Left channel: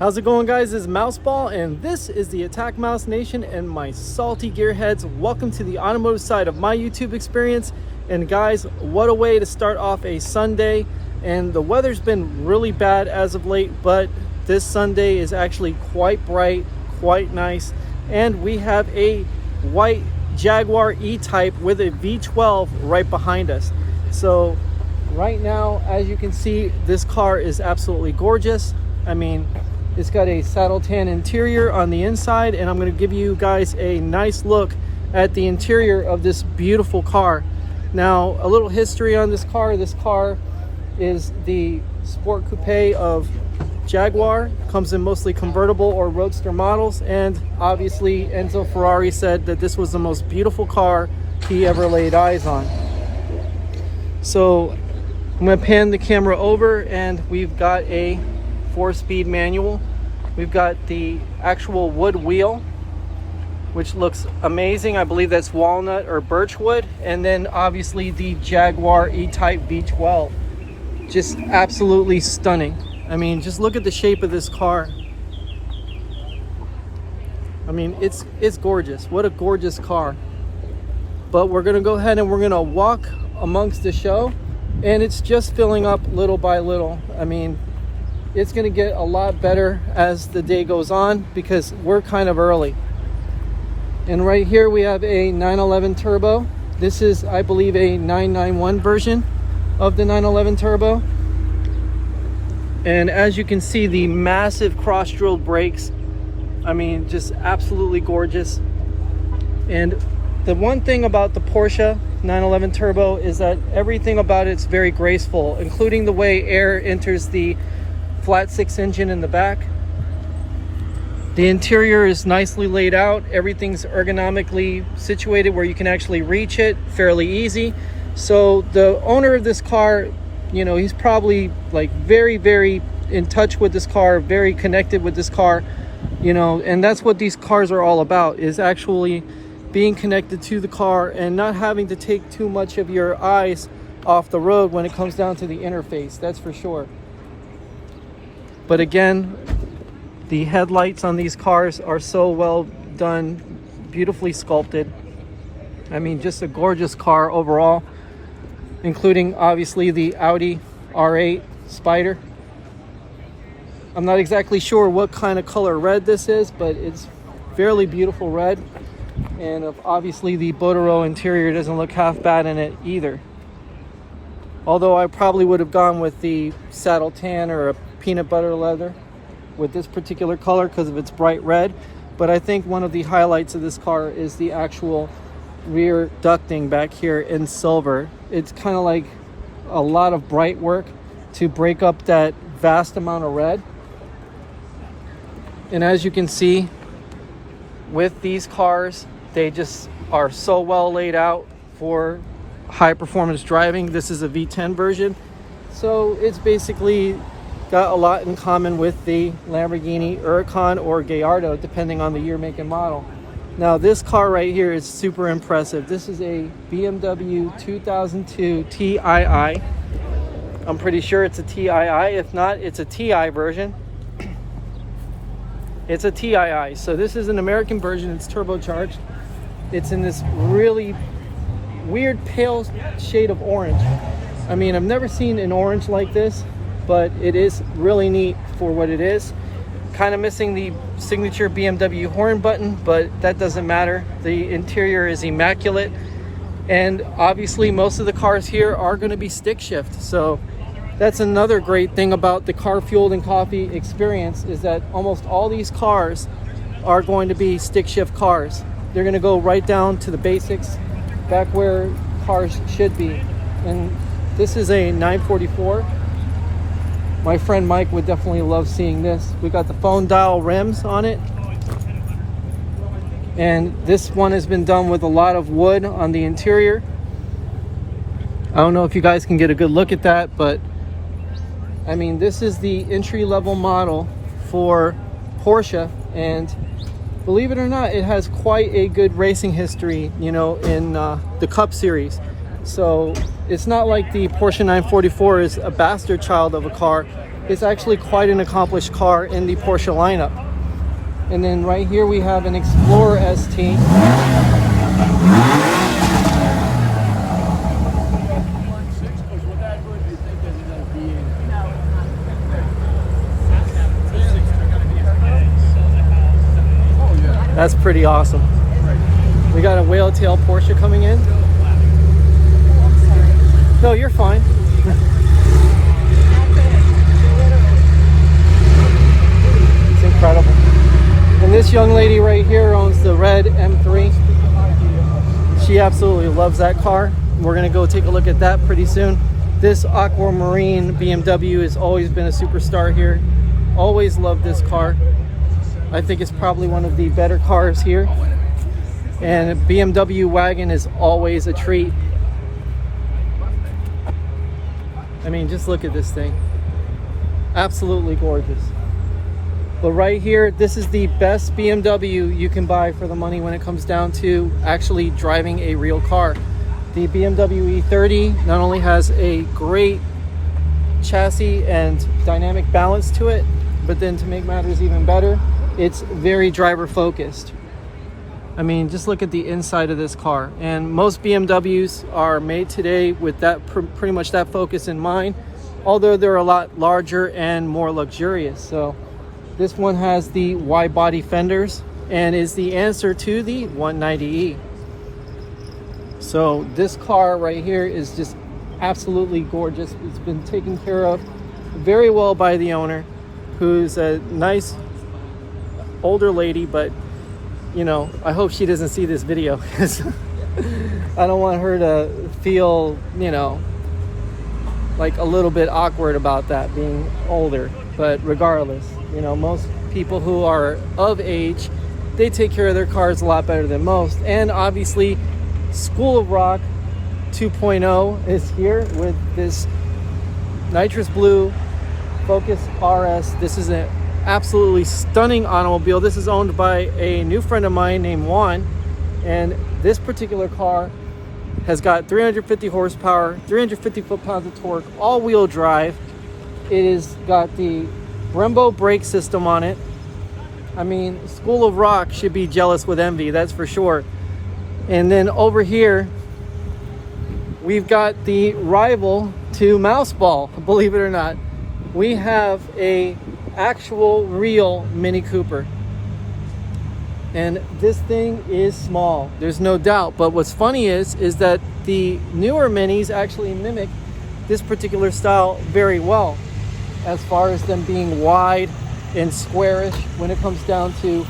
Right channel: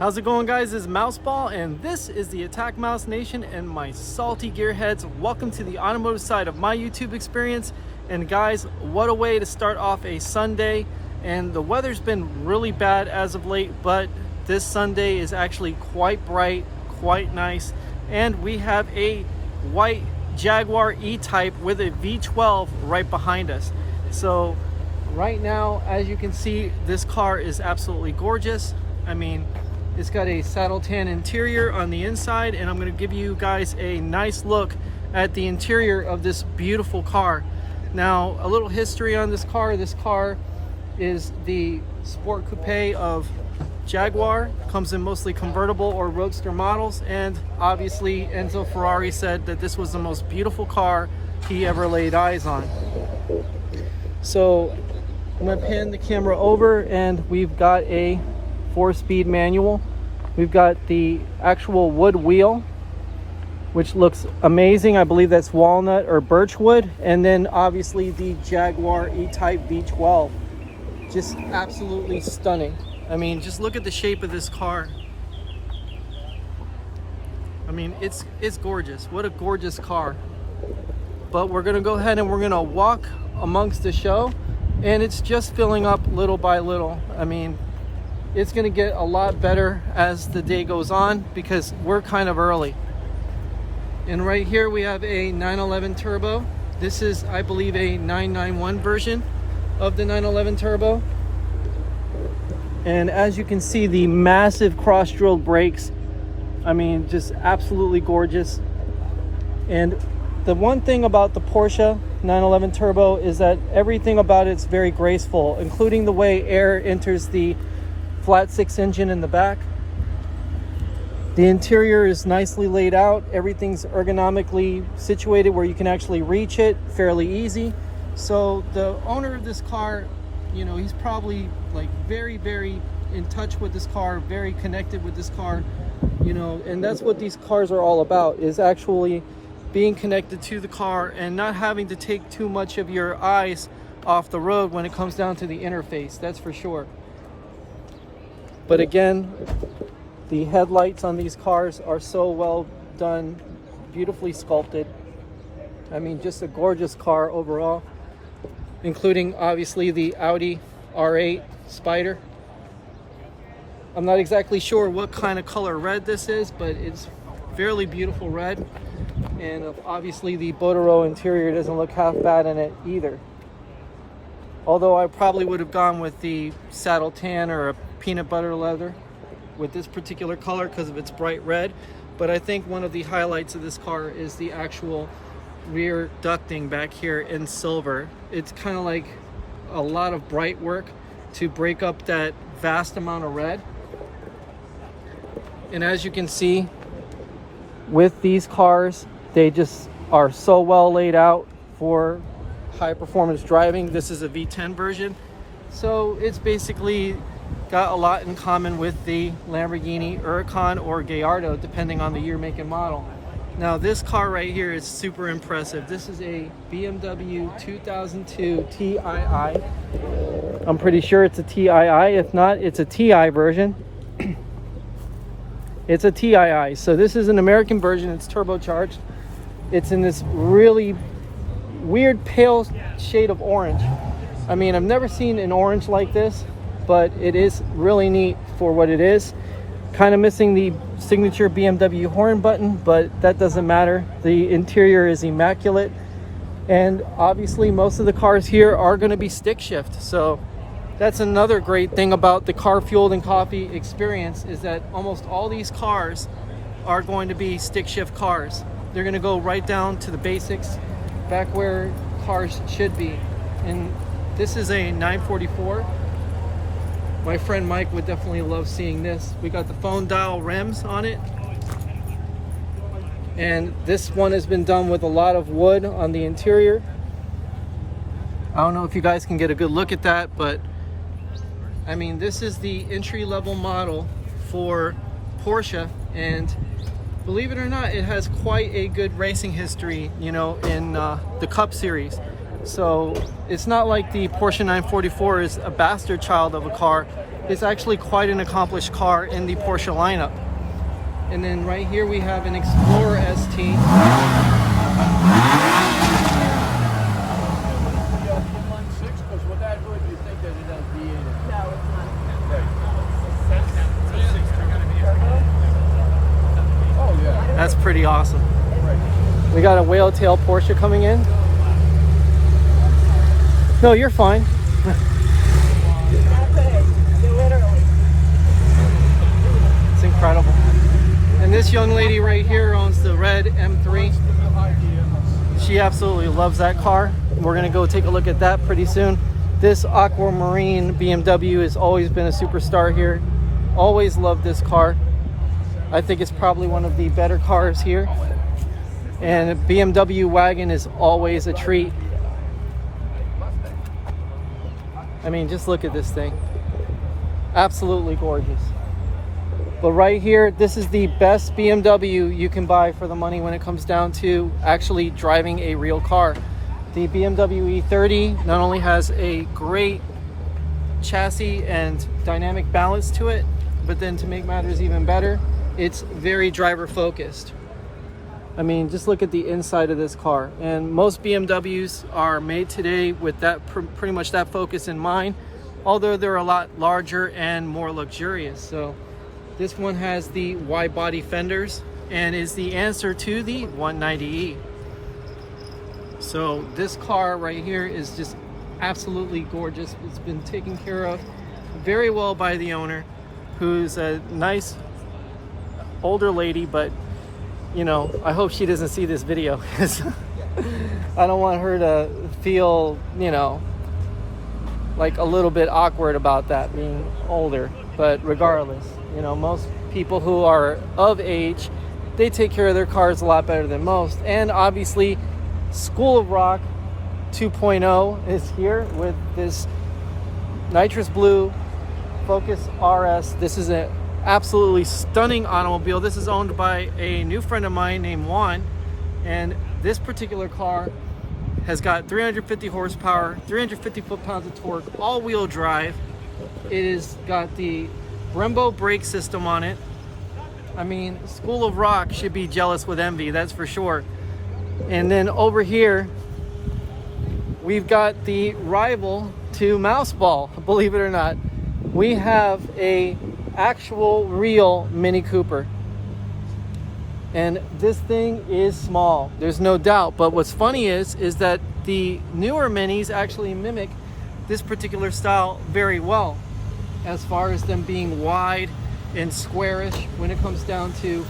How's it going, guys? This is Mouseball, and this is the AttackMouse Nation and my salty gearheads. Welcome to the automotive side of my YouTube experience. And guys, what a way to start off a Sunday. And the weather's been really bad as of late, but this Sunday is actually quite bright, quite nice. And we have a white Jaguar E-Type with a V12 right behind us. So right now, as you can see, this car is absolutely gorgeous. I mean, it's got a saddle tan interior on the inside, and I'm going to give you guys a nice look at the interior of this beautiful car. Now, a little history on this car. This car is the Sport Coupe of Jaguar. Comes in mostly convertible or roadster models, and obviously Enzo Ferrari said that this was the most beautiful car he ever laid eyes on. So I'm going to pan the camera over, and we've got a 4-speed manual. We've got the actual wood wheel, which looks amazing. I believe that's walnut or birch wood. And then obviously the Jaguar E-Type V12. Just absolutely stunning. I mean, just look at the shape of this car. I mean, it's gorgeous. What a gorgeous car. But we're gonna go ahead and we're gonna walk amongst the show, and it's just filling up little by little. I mean, it's going to get a lot better as the day goes on because we're kind of early. And right here we have a 911 turbo. This is, I believe, a 991 version of the 911 turbo. And as you can see, the massive cross-drilled brakes, I mean, just absolutely gorgeous. And the one thing about the Porsche 911 turbo is that everything about it's very graceful, including the way air enters the flat 6 engine in the back. The interior is nicely laid out. Everything's ergonomically situated where you can actually reach it fairly easy. So the owner of this car, you know, he's probably like very in touch with this car, very connected with this car, you know, and that's what these cars are all about, is actually being connected to the car and not having to take too much of your eyes off the road when it comes down to the interface. That's for sure. But again, the headlights on these cars are so well done, beautifully sculpted. I mean, just a gorgeous car overall, including obviously the Audi R8 Spider. I'm not exactly sure what kind of color red this is, but it's fairly beautiful red. And obviously the Botero interior doesn't look half bad in it either. Although I probably would have gone with the saddle tan or a peanut butter leather with this particular color because of its bright red. But I think one of the highlights of this car is the actual rear ducting back here in silver. It's kind of like a lot of bright work to break up that vast amount of red. And as you can see, with these cars, they just are so well laid out for high performance driving. This is a V10 version, so it's basically got a lot in common with the Lamborghini Huracan or Gallardo, depending on the year, make, and model. Now this car right here is super impressive. This is a BMW 2002 Tii. I'm pretty sure it's a Tii. If not, it's a Ti version. It's a Tii. So this is an American version. It's turbocharged. It's in this really weird pale shade of orange. I mean, I've never seen an orange like this, but it is really neat for what it is. Kind of missing the signature BMW horn button, but that doesn't matter. The interior is immaculate, and obviously most of the cars here are going to be stick shift. So that's another great thing about the Carfueled and Coffee experience, is that almost all these cars are going to be stick shift cars. They're going to go right down to the basics, back where cars should be. And this is a 944. My friend Mike would definitely love seeing this. We got the phone dial rims on it, and this one has been done with a lot of wood on the interior. I don't know if you guys can get a good look at that, but I mean, this is the entry-level model for Porsche, and believe it or not, it has quite a good racing history, you know, in the Cup Series. So it's not like the Porsche 944 is a bastard child of a car. It's actually quite an accomplished car in the Porsche lineup. And then right here we have an Explorer ST. That's pretty awesome. We got a whale tail Porsche coming in. No, you're fine. It's incredible. And this young lady right here owns the red M3. She absolutely loves that car. We're gonna go take a look at that pretty soon. This aquamarine BMW has always been a superstar here. Always loved this car. I think it's probably one of the better cars here. And a BMW wagon is always a treat. I mean, just look at this thing. Absolutely gorgeous. But right here, this is the best BMW you can buy for the money when it comes down to actually driving a real car. The BMW E30 not only has a great chassis and dynamic balance to it, but then to make matters even better, it's very driver focused. I mean, just look at the inside of this car. And most BMWs are made today with that pretty much that focus in mind, although they're a lot larger and more luxurious. So this one has the wide body fenders and is the answer to the 190e. So this car right here is just absolutely gorgeous. It's been taken care of very well by the owner, who's a nice older lady, but you know, I hope she doesn't see this video because I don't want her to feel, you know, like a little bit awkward about that being older. But regardless, you know, most people who are of age, they take care of their cars a lot better than most. And obviously School of Rock 2.0 is here with this nitrous blue Focus RS. This is an absolutely stunning automobile. This is owned by a new friend of mine named Juan, and this particular car has got 350 horsepower, 350 foot-pounds of torque, all-wheel drive. It has got the Brembo brake system on it. I mean, School of Rock should be jealous with envy, that's for sure. And then over here we've got the rival to Mouseball, believe it or not. We have a actual real Mini Cooper, and this thing is small, there's no doubt. But what's funny is that the newer Minis actually mimic this particular style very well, as far as them being wide and squarish when it comes down to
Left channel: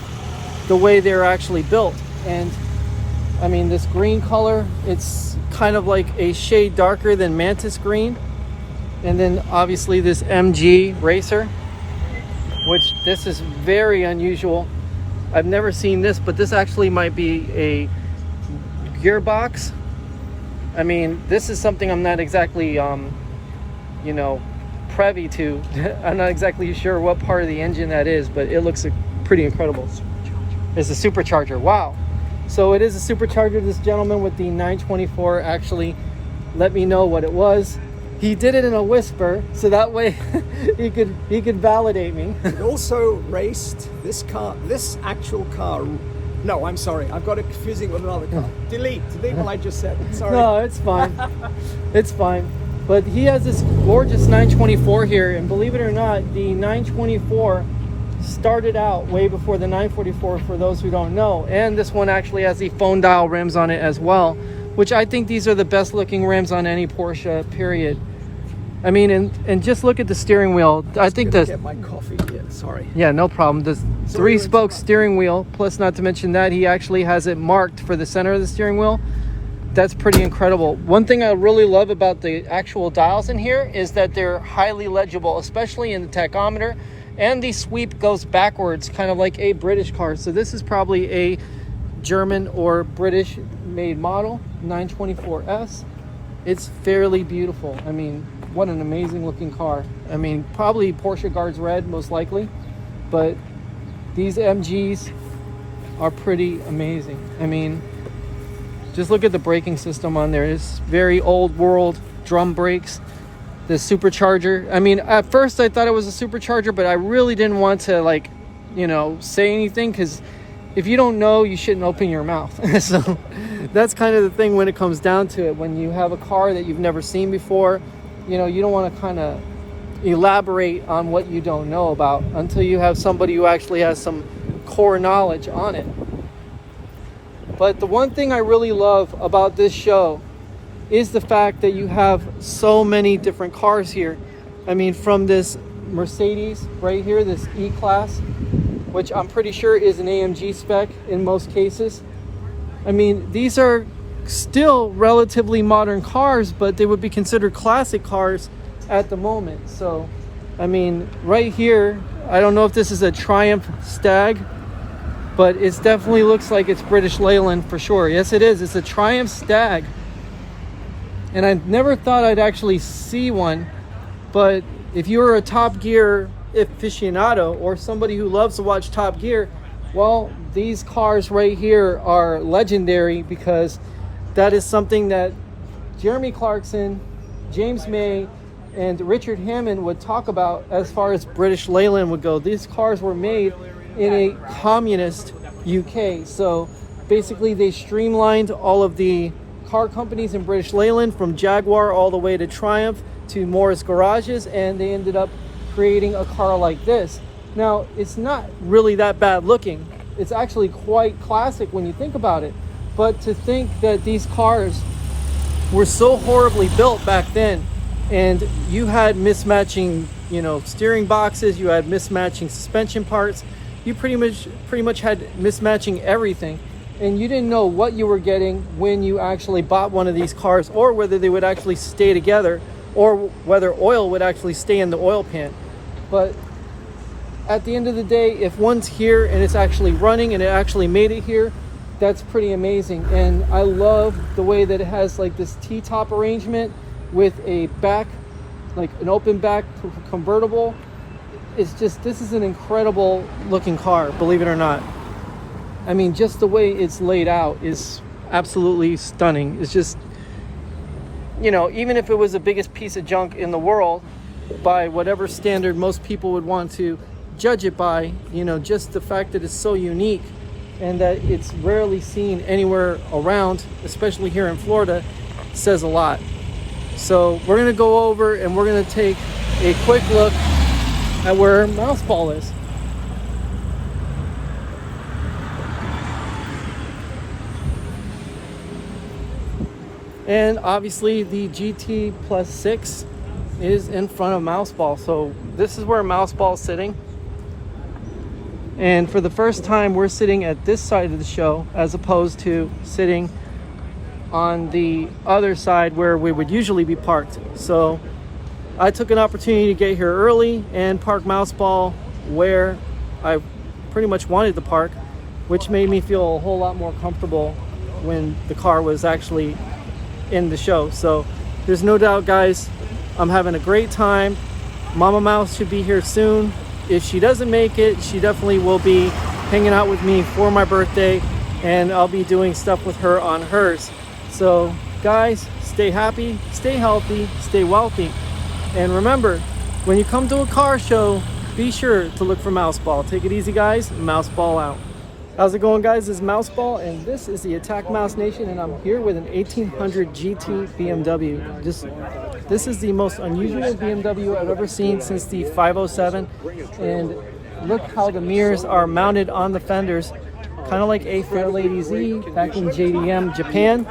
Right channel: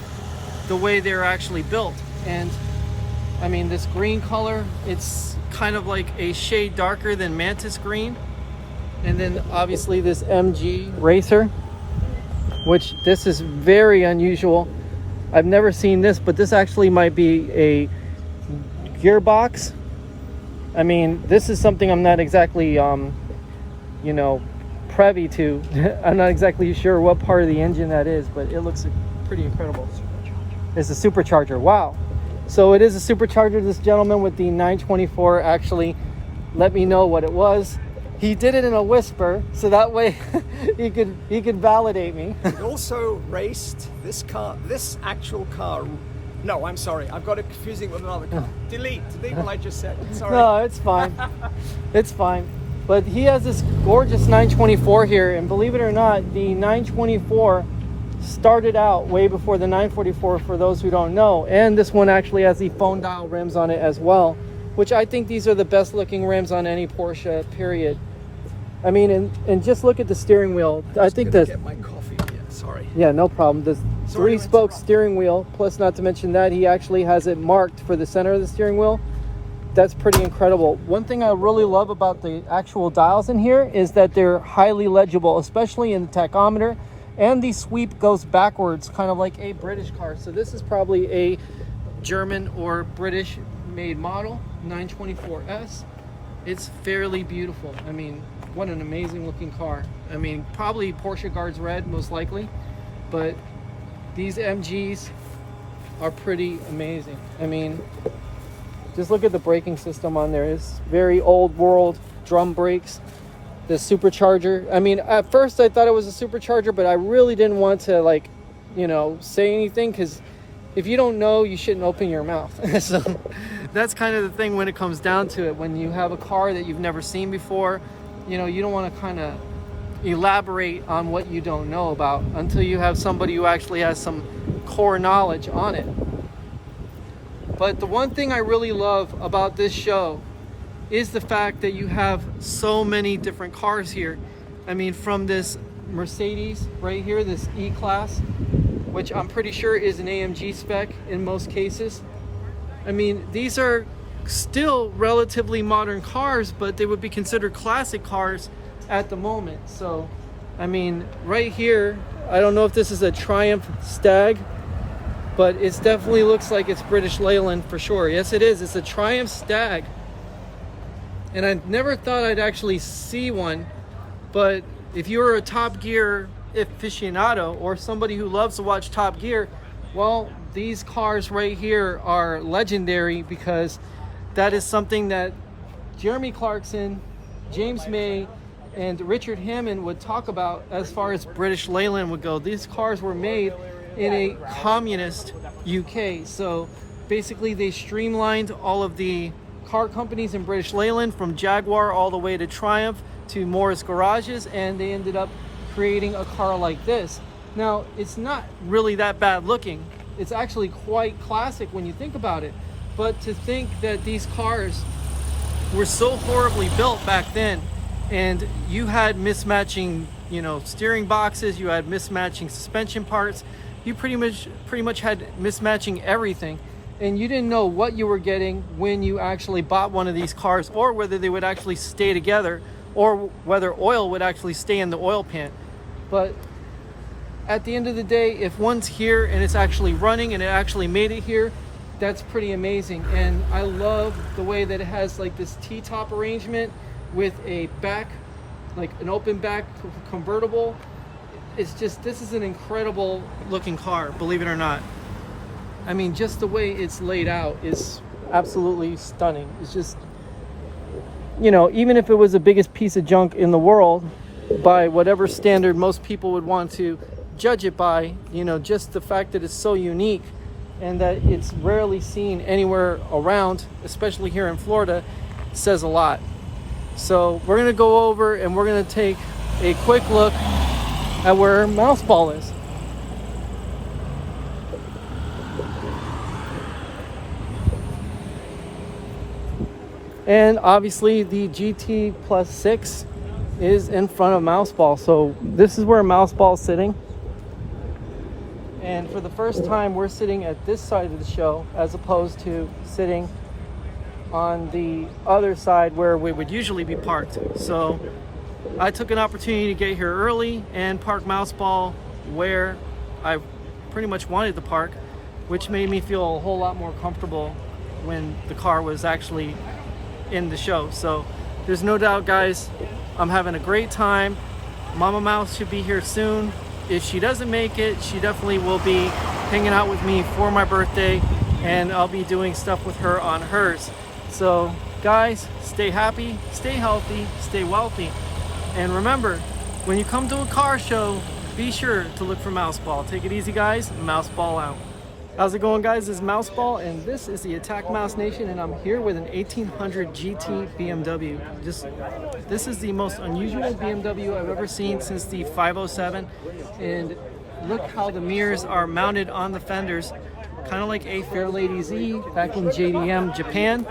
the way they're actually built. And I mean, this green color, it's kind of like a shade darker than Mantis green. And then obviously this MG Racer, which this is very unusual. I've never seen this, but this actually might be a gearbox. I mean, this is something I'm not exactly, you know, privy to. I'm not exactly sure what part of the engine that is, but it looks pretty incredible. It's a supercharger. Wow. So it is a supercharger. This gentleman with the 924 actually let me know what it was. He did it in a whisper, so that way he could validate me. It also raced this car, this actual car. No, I'm sorry, I've got it confusing with another car. Delete what I just said. Sorry. No, it's fine. It's fine. But he has this gorgeous 924 here, and believe it or not, the 924 started out way before the 944, for those who don't know. And this one actually has the phone dial rims on it as well, which I think these are the best looking rims on any Porsche, period. I mean, and just look at the steering wheel. I think the get my coffee here. Sorry. Yeah, no problem. The three-spoke steering wheel, plus not to mention that he actually has it marked for the center of the steering wheel. That's pretty incredible. One thing I really love about the actual dials in here is that they're highly legible, especially in the tachometer, and the sweep goes backwards, kind of like a British car. So this is probably a German or British made model, 924S. It's fairly beautiful. I mean, what an amazing looking car. I mean, probably Porsche Guards Red, most likely, but these MGs are pretty amazing. I mean, just look at the braking system on there. It's very old world drum brakes. this supercharger. I mean, at first I thought it was a supercharger, but I really didn't want to, like, you know, say anything, because if you don't know, you shouldn't open your mouth. So that's kind of the thing when it comes down to it. When you have a car that you've never seen before, you know, you don't want to kind of elaborate on what you don't know about until you have somebody who actually has some core knowledge on it. But the one thing I really love about this show is the fact that you have so many different cars here. I mean, from this Mercedes right here, this E-Class, which I'm pretty sure is an AMG spec in most cases. I mean, these are still relatively modern cars, but they would be considered classic cars at the moment. So, I mean, right here, I don't know if this is a Triumph Stag, but it definitely looks like it's British Leyland for sure. Yes, it is. It's a Triumph Stag. And I never thought I'd actually see one, but if you're a Top Gear aficionado or somebody who loves to watch Top Gear, well, these cars right here are legendary, because that is something that Jeremy Clarkson, James May, and Richard Hammond would talk about as far as British Leyland would go. These cars were made in a communist UK. So basically they streamlined all of the car companies in British Leyland, from Jaguar all the way to Triumph to Morris Garages, and they ended up creating a car like this. Now, it's not really that bad looking. It's actually quite classic when you think about it. But to think that these cars were so horribly built back then, and you had mismatching, you know, steering boxes, you had mismatching suspension parts, you pretty much had mismatching everything, and you didn't know what you were getting when you actually bought one of these cars, or whether they would actually stay together, or whether oil would actually stay in the oil pan. But at the end of the day, if one's here and it's actually running and it actually made it here, that's pretty amazing. And I love the way that it has like this T-top arrangement with a back, like an open back convertible. It's just, this is an incredible looking car, believe it or not. I mean, just the way it's laid out is absolutely stunning. It's just, you know, even if it was the biggest piece of junk in the world, by whatever standard most people would want to judge it by, you know, just the fact that it's so unique and that it's rarely seen anywhere around, especially here in Florida, says a lot. So we're gonna go over and we're gonna take a quick look at where Mouseball is. And obviously the GT Plus 6 is in front of Mouseball. So this is where Mouseball is sitting. And for the first time, we're sitting at this side of the show as opposed to sitting on the other side where we would usually be parked. So I took an opportunity to get here early and park Mouseball where I pretty much wanted to park, which made me feel a whole lot more comfortable when the car was actually in the show. So there's no doubt, guys, I'm having a great time. Momma Mouse should be here soon. If she doesn't make it, she definitely will be hanging out with me for my birthday, and I'll be doing stuff with her on hers. So guys, stay happy, stay healthy, stay wealthy. And remember, when you come to a car show, be sure to look for Mouseball. Take it easy, guys. Mouseball out. How's it going, guys? This is Mouseball, and this is the AttackMouse Nation, and I'm here with an 1800 GT BMW. This is the most unusual BMW I've ever seen since the 507, and look how the mirrors are mounted on the fenders, kind of like a Fairlady Z back in JDM Japan.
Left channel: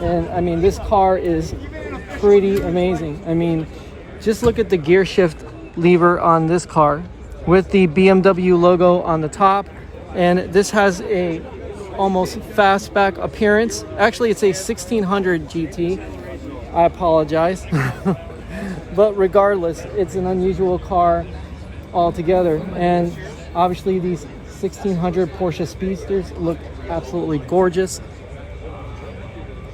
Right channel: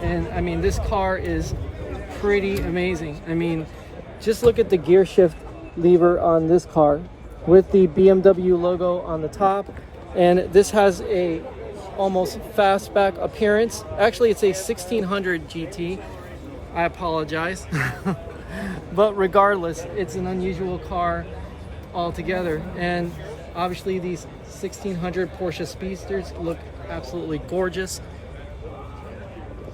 And I mean, this car is pretty amazing. I mean, just look at the gear shift lever on this car with the BMW logo on the top, and this has a almost fastback appearance. Actually, it's a 1600 GT. I apologize. But regardless, it's an unusual car altogether. And obviously these 1600 Porsche Speedsters look absolutely gorgeous.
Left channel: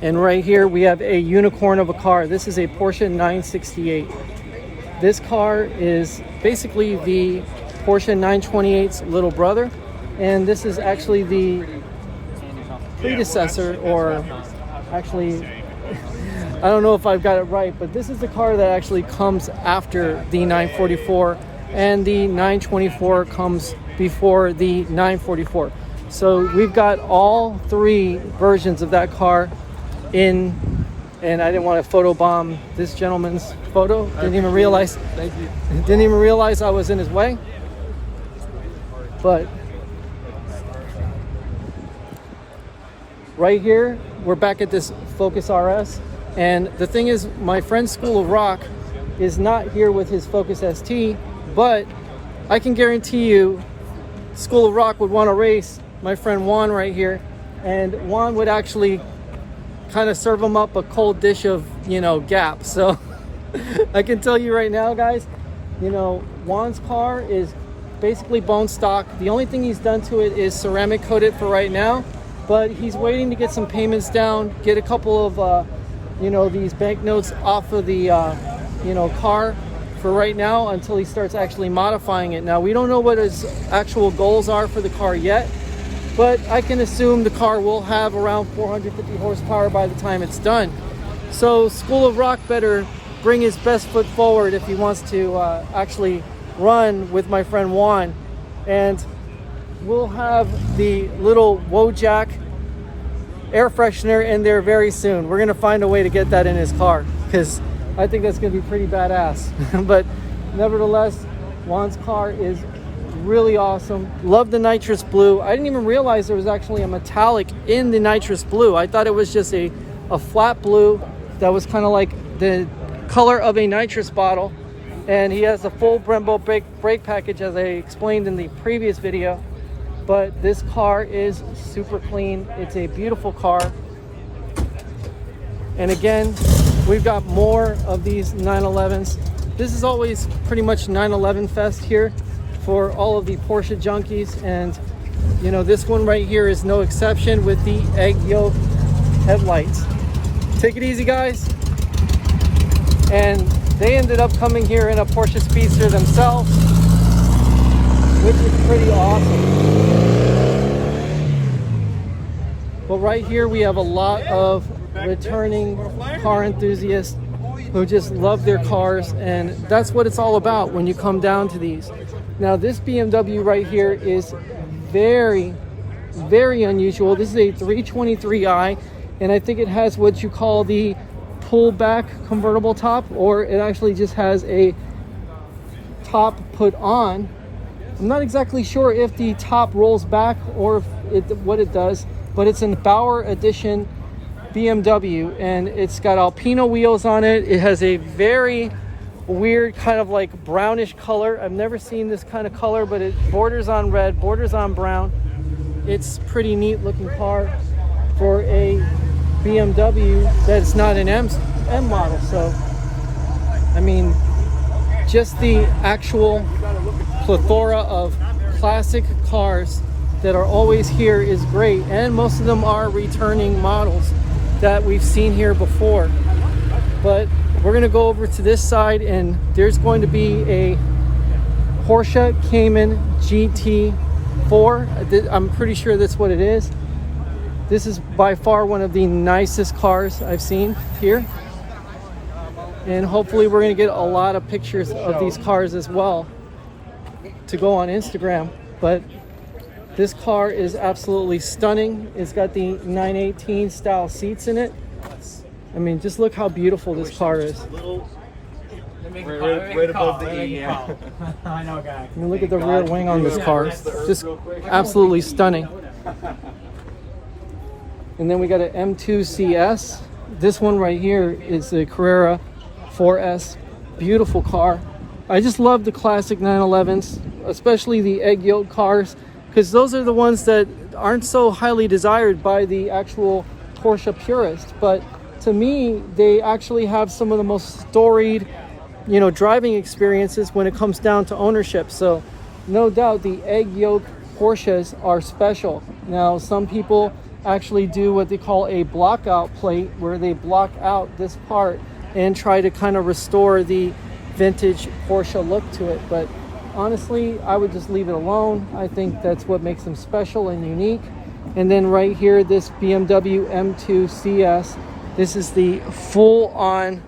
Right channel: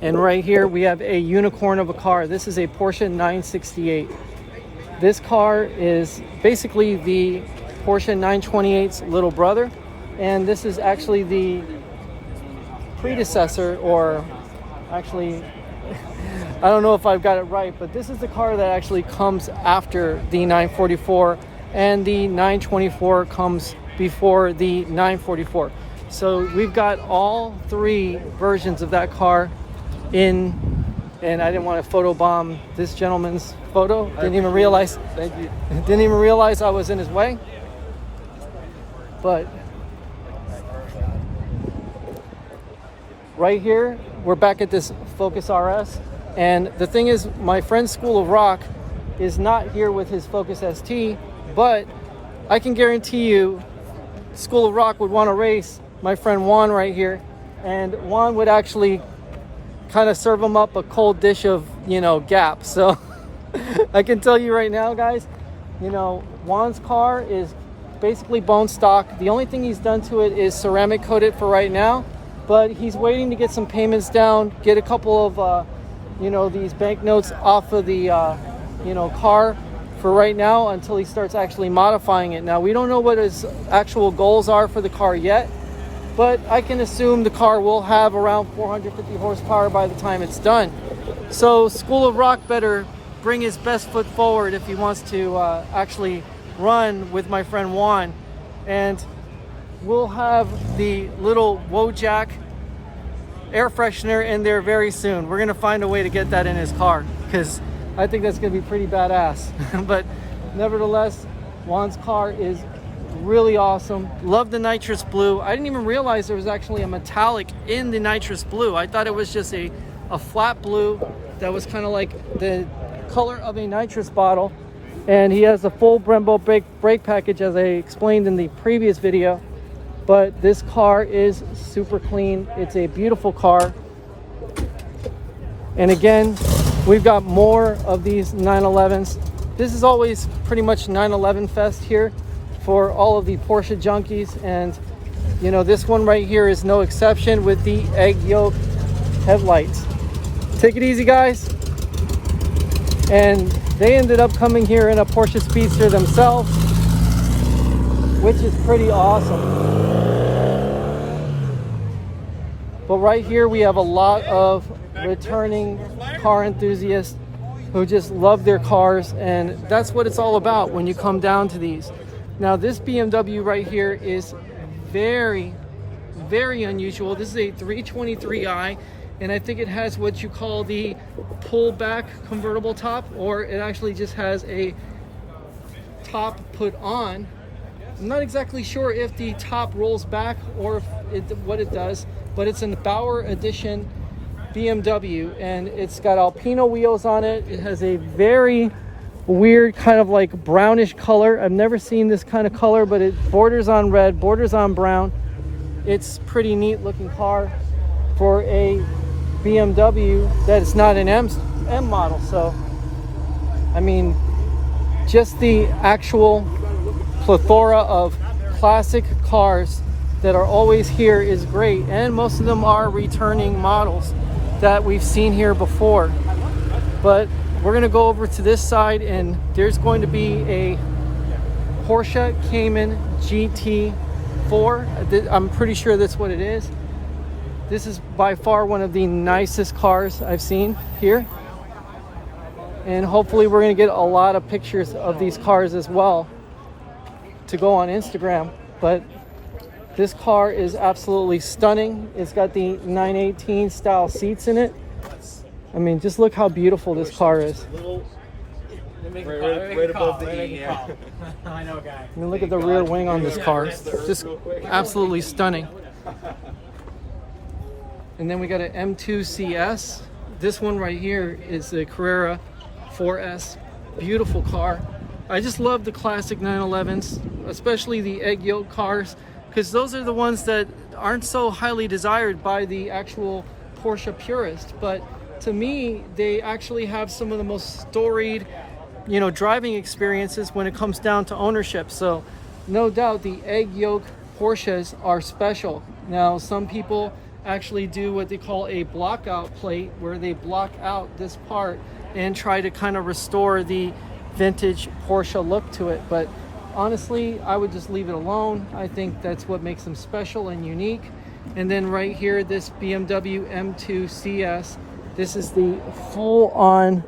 And right here we have a unicorn of a car. This is a Porsche 968. This car is basically the Porsche 928's little brother. And this is actually the predecessor, or actually I don't know if I've got it right, but this is the car that actually comes after the 944, and the 924 comes before the 944. So we've got all three versions of that car in, and I didn't want to photobomb this gentleman's photo. Didn't even realize. Thank you. Didn't even realize I was in his way. But right here, we're back at this Focus RS. And the thing is, my friend School of Rock is not here with his Focus ST, but I can guarantee you School of Rock would want to race my friend Juan right here, and Juan would actually kind of serve him up a cold dish of, you know, Gap. So I can tell you right now, guys, you know, Juan's car is basically bone stock. The only thing he's done to it is ceramic coat it for right now, but he's waiting to get some payments down, get a couple of you know, these banknotes off of the you know, car for right now until he starts actually modifying it. Now, we don't know what his actual goals are for the car yet, but I can assume the car will have around 450 horsepower by the time it's done. So School of Rock better bring his best foot forward if he wants to actually run with my friend Juan. And we'll have the little Wojak air freshener in there very soon. We're gonna find a way to get that in his car, because I think that's gonna be pretty badass. But nevertheless, Juan's car is really awesome. Love the nitrous blue. I didn't even realize there was actually a metallic in the nitrous blue. I thought it was just a flat blue that was kind of like the color of a nitrous bottle. And he has a full Brembo brake package, as I explained in the previous video. But this car is super clean. It's a beautiful car. And again, we've got more of these 911s. This is always pretty much 911 fest here for all of the Porsche junkies. And you know, this one right here is no exception with the egg yolk headlights. Take it easy, guys. And they ended up coming here in a Porsche Speedster themselves, which is pretty awesome. But right here we have a lot of returning car enthusiasts who just love their cars, and that's what it's all about when you come down to these. Now, this BMW right here is very, very unusual. This is a 323i, and I think it has what you call the pull-back convertible top, or it actually just has a top put on. I'm not exactly sure if the top rolls back or if what it does, but it's a Bauer Edition BMW, and it's got Alpino wheels on it. It has a very weird kind of like brownish color. I've never seen this kind of color, but it borders on red, borders on brown. It's pretty neat looking car for a BMW that's not an M model. So, I mean, just the actual plethora of classic cars that are always here is great, and most of them are returning models that we've seen here before. But we're gonna go over to this side, and there's going to be a Porsche Cayman GT4. I'm pretty sure that's what it is. This is by far one of the nicest cars I've seen here, and hopefully we're gonna get a lot of pictures of these cars as well to go on Instagram. But this car is absolutely stunning. It's got the 918 style seats in it. I mean, just look how beautiful this car is. Right above the E. I know, guy. I mean, look at the rear wing on this car. Just absolutely stunning. And then we got an M2 CS. This one right here is a Carrera 4S. Beautiful car. I just love the classic 911s, especially the egg yolk cars, because those are the ones that aren't so highly desired by the actual Porsche purists. But to me, they actually have some of the most storied, you know, driving experiences when it comes down to ownership. So no doubt the egg yolk Porsches are special. Now, some people actually do what they call a blockout plate, where they block out this part and try to kind of restore the vintage Porsche look to it. But honestly, I would just leave it alone. I think that's what makes them special and unique. And then right here, this BMW M2 CS This is the full-on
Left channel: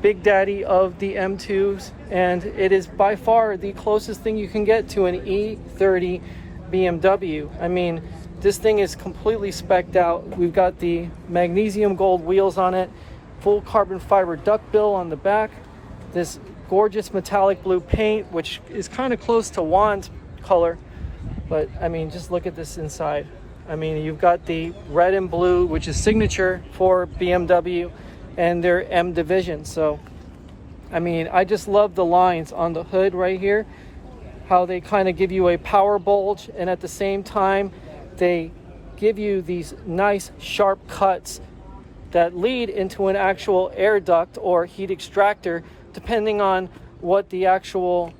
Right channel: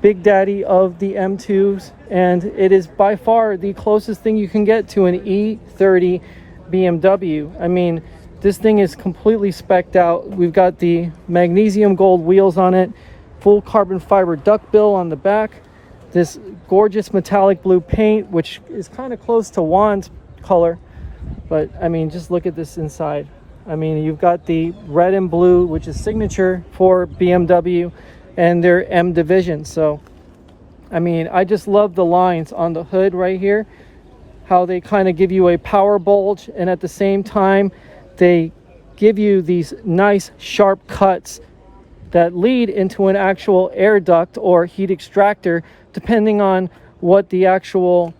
Big Daddy of the M2s, and it is by far the closest thing you can get to an E30 BMW. I mean, this thing is completely specced out. We've got the magnesium gold wheels on it, full carbon fiber duckbill on the back, this gorgeous metallic blue paint, which is kind of close to Juan's color, but I mean, just look at this inside. I mean, you've got the red and blue, which is signature for BMW and their M division. So I mean, I just love the lines on the hood right here, how they kind of give you a power bulge, and at the same time they give you these nice sharp cuts that lead into an actual air duct or heat extractor, depending on what the actual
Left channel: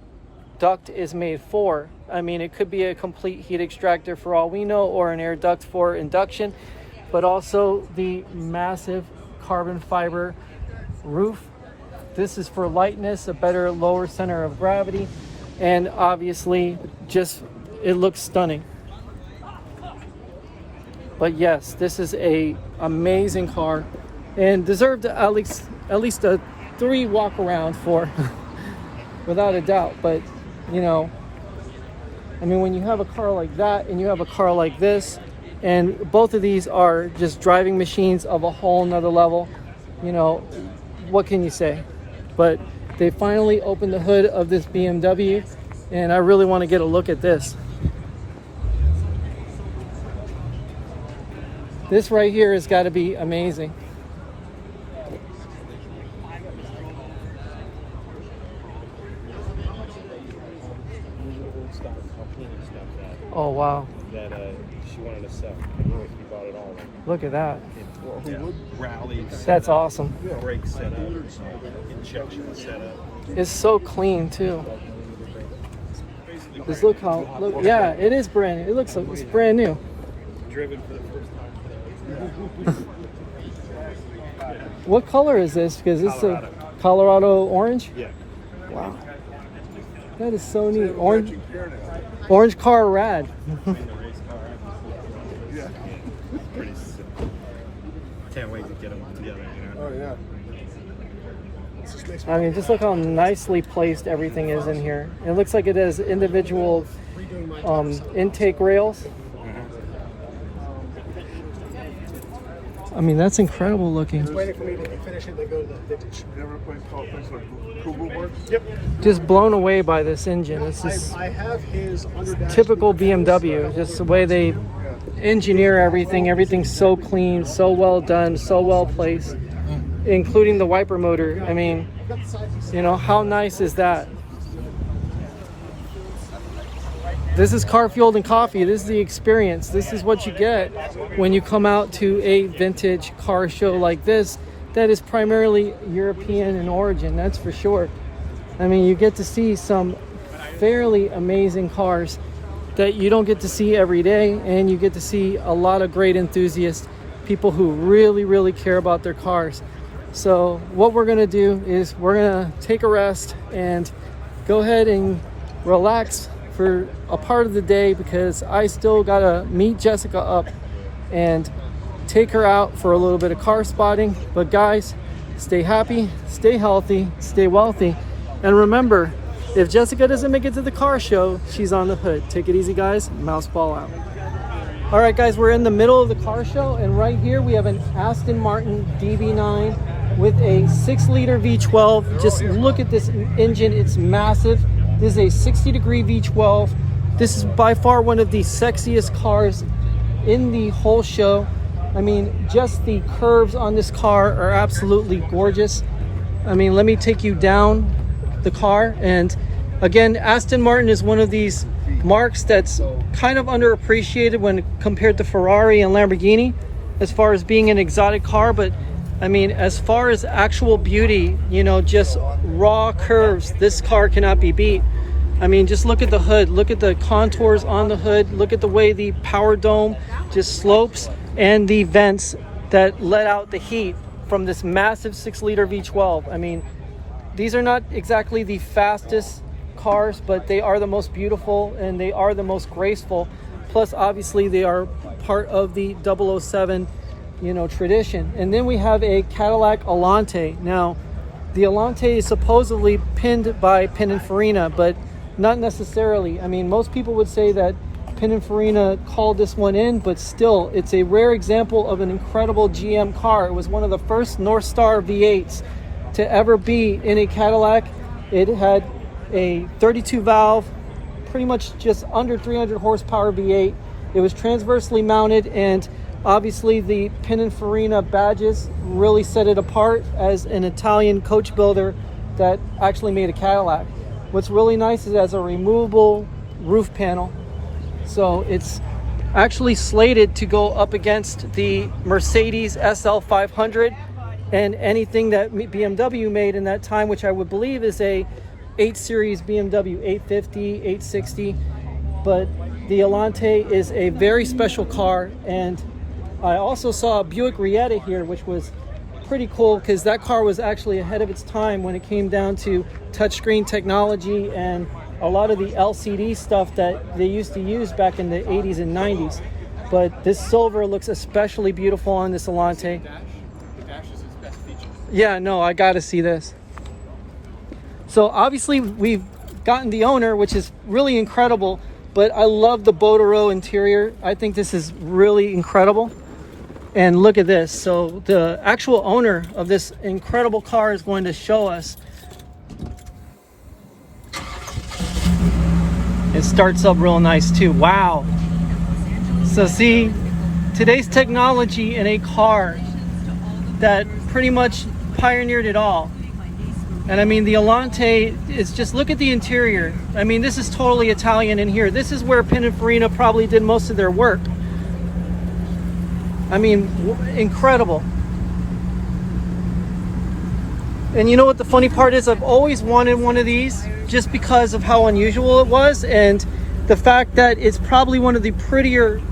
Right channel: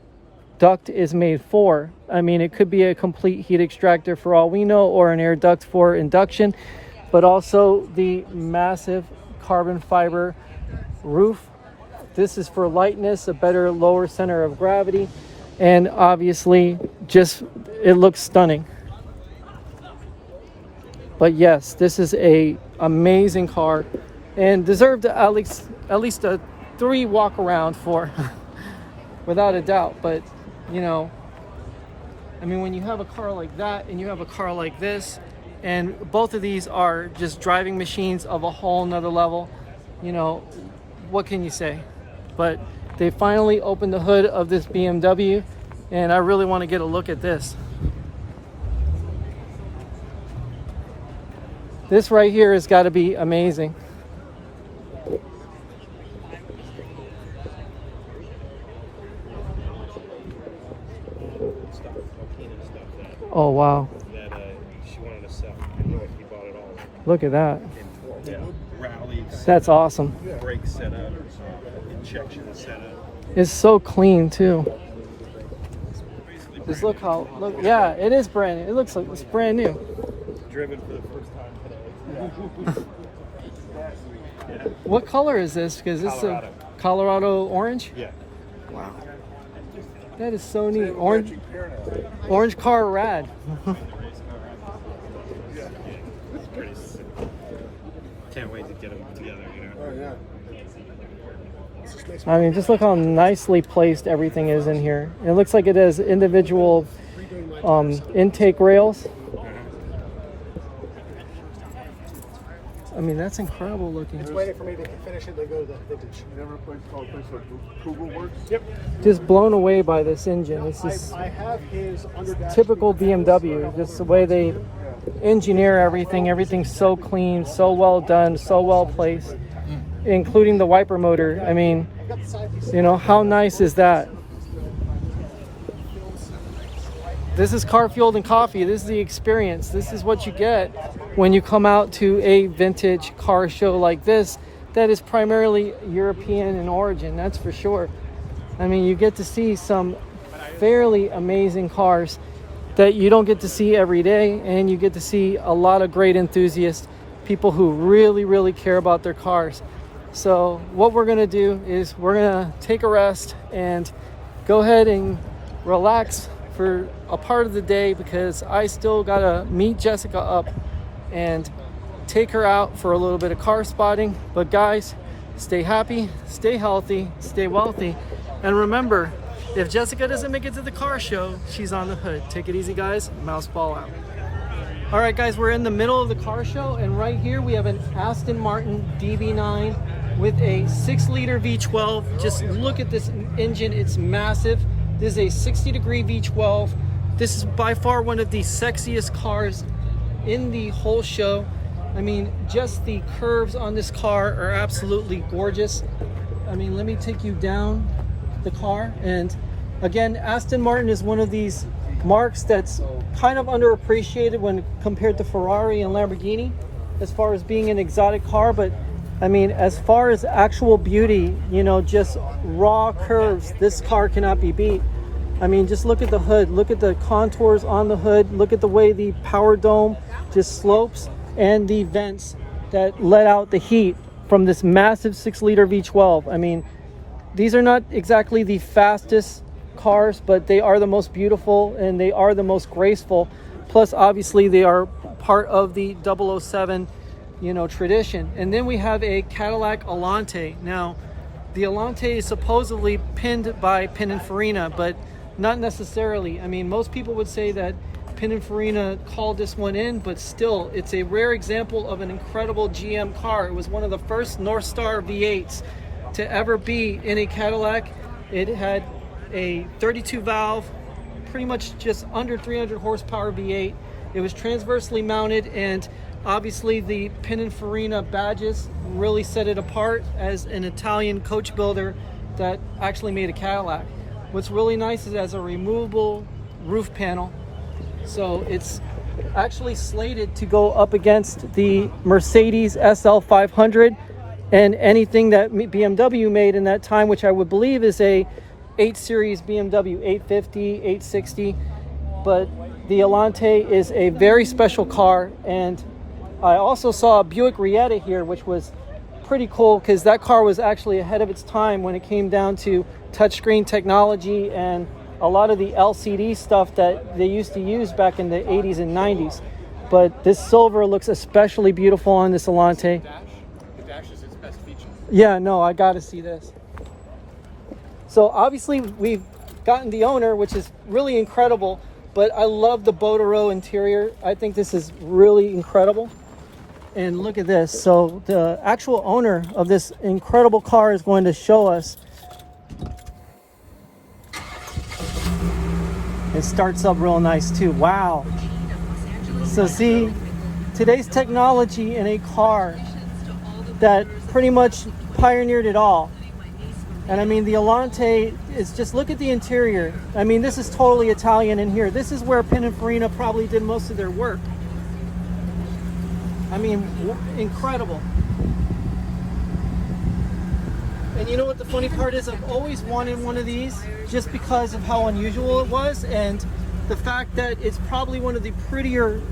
duct is made for. I mean, it could be a complete heat extractor for all we know, or an air duct for induction, but also the massive carbon fiber roof. This is for lightness, a better lower center of gravity, and obviously just it looks stunning. But yes, this is a amazing car and deserved at least a 3 walk around for without a doubt. But you know, I mean, when you have a car like that and you have a car like this, and both of these are just driving machines of a whole nother level, you know, what can you say? But they finally opened the hood of this BMW, and I really want to get a look at this. This right here has got to be amazing. Oh wow. She wanted to sell. We bought it all. Look at that. Rallies. That's awesome. Brake setup, injection setup. It's so clean too. Just look how, yeah, it is brand new. It looks like it's brand new. Driven for the first time. What color is this? Because it's a Colorado orange? Yeah. Wow. That is so neat. Orange car rad. Can't wait to get them together, you know? Oh, yeah. I mean, just look how nicely placed everything is in here. It looks like it has individual intake rails. I mean, that's incredible looking. Waiting for me to finish it, they go to the vintage. You ever place called place like Google Works? Yep. Just blown away by this engine. This is I have his underdash. typical BMW. Just the way they engineer everything. Everything's so clean, so well done, so well placed, including the wiper motor. I mean, you know, how nice is that? This is Carfueled and Coffee. This is the experience. This is what you get when you come out to a vintage car show like this that is primarily European in origin, that's for sure. I mean, you get to see some fairly amazing cars that you don't get to see every day, and you get to see a lot of great enthusiasts, people who really, really care about their cars. So what we're gonna do is we're gonna take a rest and go ahead and relax for a part of the day, because I still gotta meet Jessica up and take her out for a little bit of car spotting. But guys, stay happy, stay healthy, stay wealthy, and remember, if Jessica doesn't make it to the car show, she's on the hood. Take it easy, guys. Mouseball out. All right, guys, we're in the middle of the car show, and right here we have an Aston Martin DB9 with a 6-liter V12. Just look at this engine, it's massive. This is a 60-degree V12. This is by far one of the sexiest cars in the whole show. I mean, just the curves on this car are absolutely gorgeous. I mean, let me take you down the car. And again, Aston Martin is one of these marques that's kind of underappreciated when compared to Ferrari and Lamborghini as far as being an exotic car. But I mean, as far as actual beauty, you know, just raw curves, this car cannot be beat. I mean, just look at the hood, look at the contours on the hood, look at the way the power dome just slopes, and the vents that let out the heat from this massive 6-liter V12. I mean, these are not exactly the fastest cars, but they are the most beautiful and they are the most graceful. Plus, obviously, they are part of the 007 you know, tradition. And then we have a Cadillac Alante. Now, the Alante is supposedly pinned by Pininfarina, but not necessarily. I mean, most people would say that Pininfarina called this one in, but still, it's a rare example of an incredible GM car. It was one of the first North Star V8s to ever be in a Cadillac. It had a 32 valve, pretty much just under 300 horsepower V8. It was transversely mounted, and obviously the Pininfarina badges really set it apart as an Italian coach builder that actually made a Cadillac. What's really nice is it has a removable roof panel. So it's actually slated to go up against the Mercedes SL 500 and anything that BMW made in that time, which I would believe is a 8 Series BMW 850, 860. But the Alante is a very special car, and I also saw a Buick Rietta here, which was pretty cool because that car was actually ahead of its time when it came down to touchscreen technology and a lot of the LCD stuff that they used to use back in the 80s and 90s. But this silver looks especially beautiful on this Alante. The dash is its best feature. Yeah, no, I gotta see this. So obviously we've gotten the owner, which is really incredible, but I love the Botero interior. I think this is really incredible. And look at this. So the actual owner of this incredible car is going to show us. It starts up real nice too. Wow. So see, today's technology in a car that pretty much pioneered it all. And I mean, the Alante is just, look at the interior. I mean, this is totally Italian in here. This is where Pininfarina probably did most of their work. I mean, incredible. And you know what the funny part is? I've always wanted one of these just because of how unusual it was, and the fact that it's probably one of the prettier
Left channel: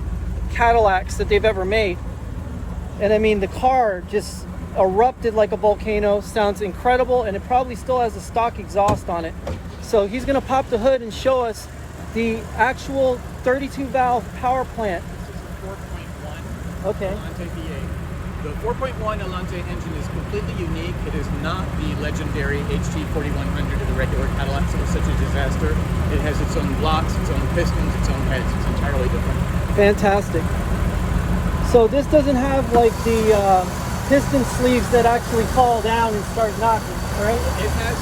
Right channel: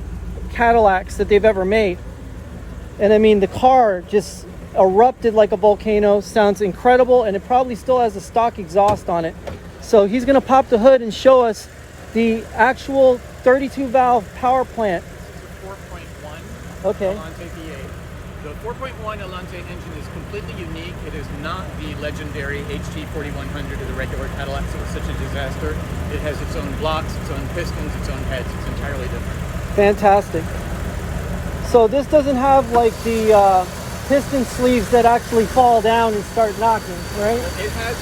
Cadillacs that they've ever made. And I mean, the car just erupted like a volcano, sounds incredible, and it probably still has a stock exhaust on it. So he's gonna pop the hood and show us the actual 32 valve power plant. This is a 4.1 Okay. Alante V8. The 4.1 Alante engine is completely unique. It is not the legendary HT 4100 of the regular Cadillac, so it's such a disaster. It has its own blocks, its own pistons, its own heads. It's entirely different. Fantastic. So this doesn't have like the piston sleeves that actually fall down and start knocking, right? It has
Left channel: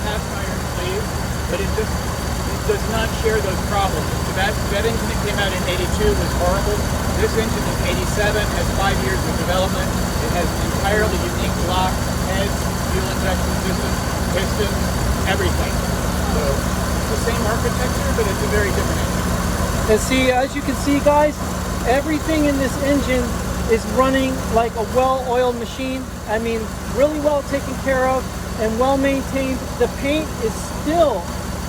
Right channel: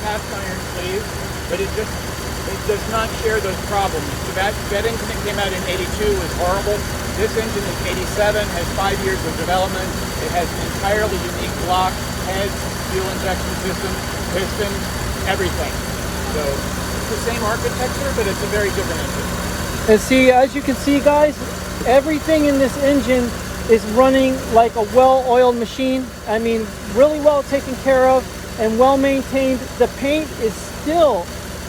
cast iron sleeves, but it does not share those problems. So that engine that came out in 82 was horrible. This engine is 87, has 5 years of development. It has an entirely unique block, heads, fuel injection system, pistons, everything. So it's the same architecture, but it's a very different engine. And see, as you can see, guys, everything in this engine is running like a well-oiled machine. I mean, really well taken care of and well maintained. The paint is still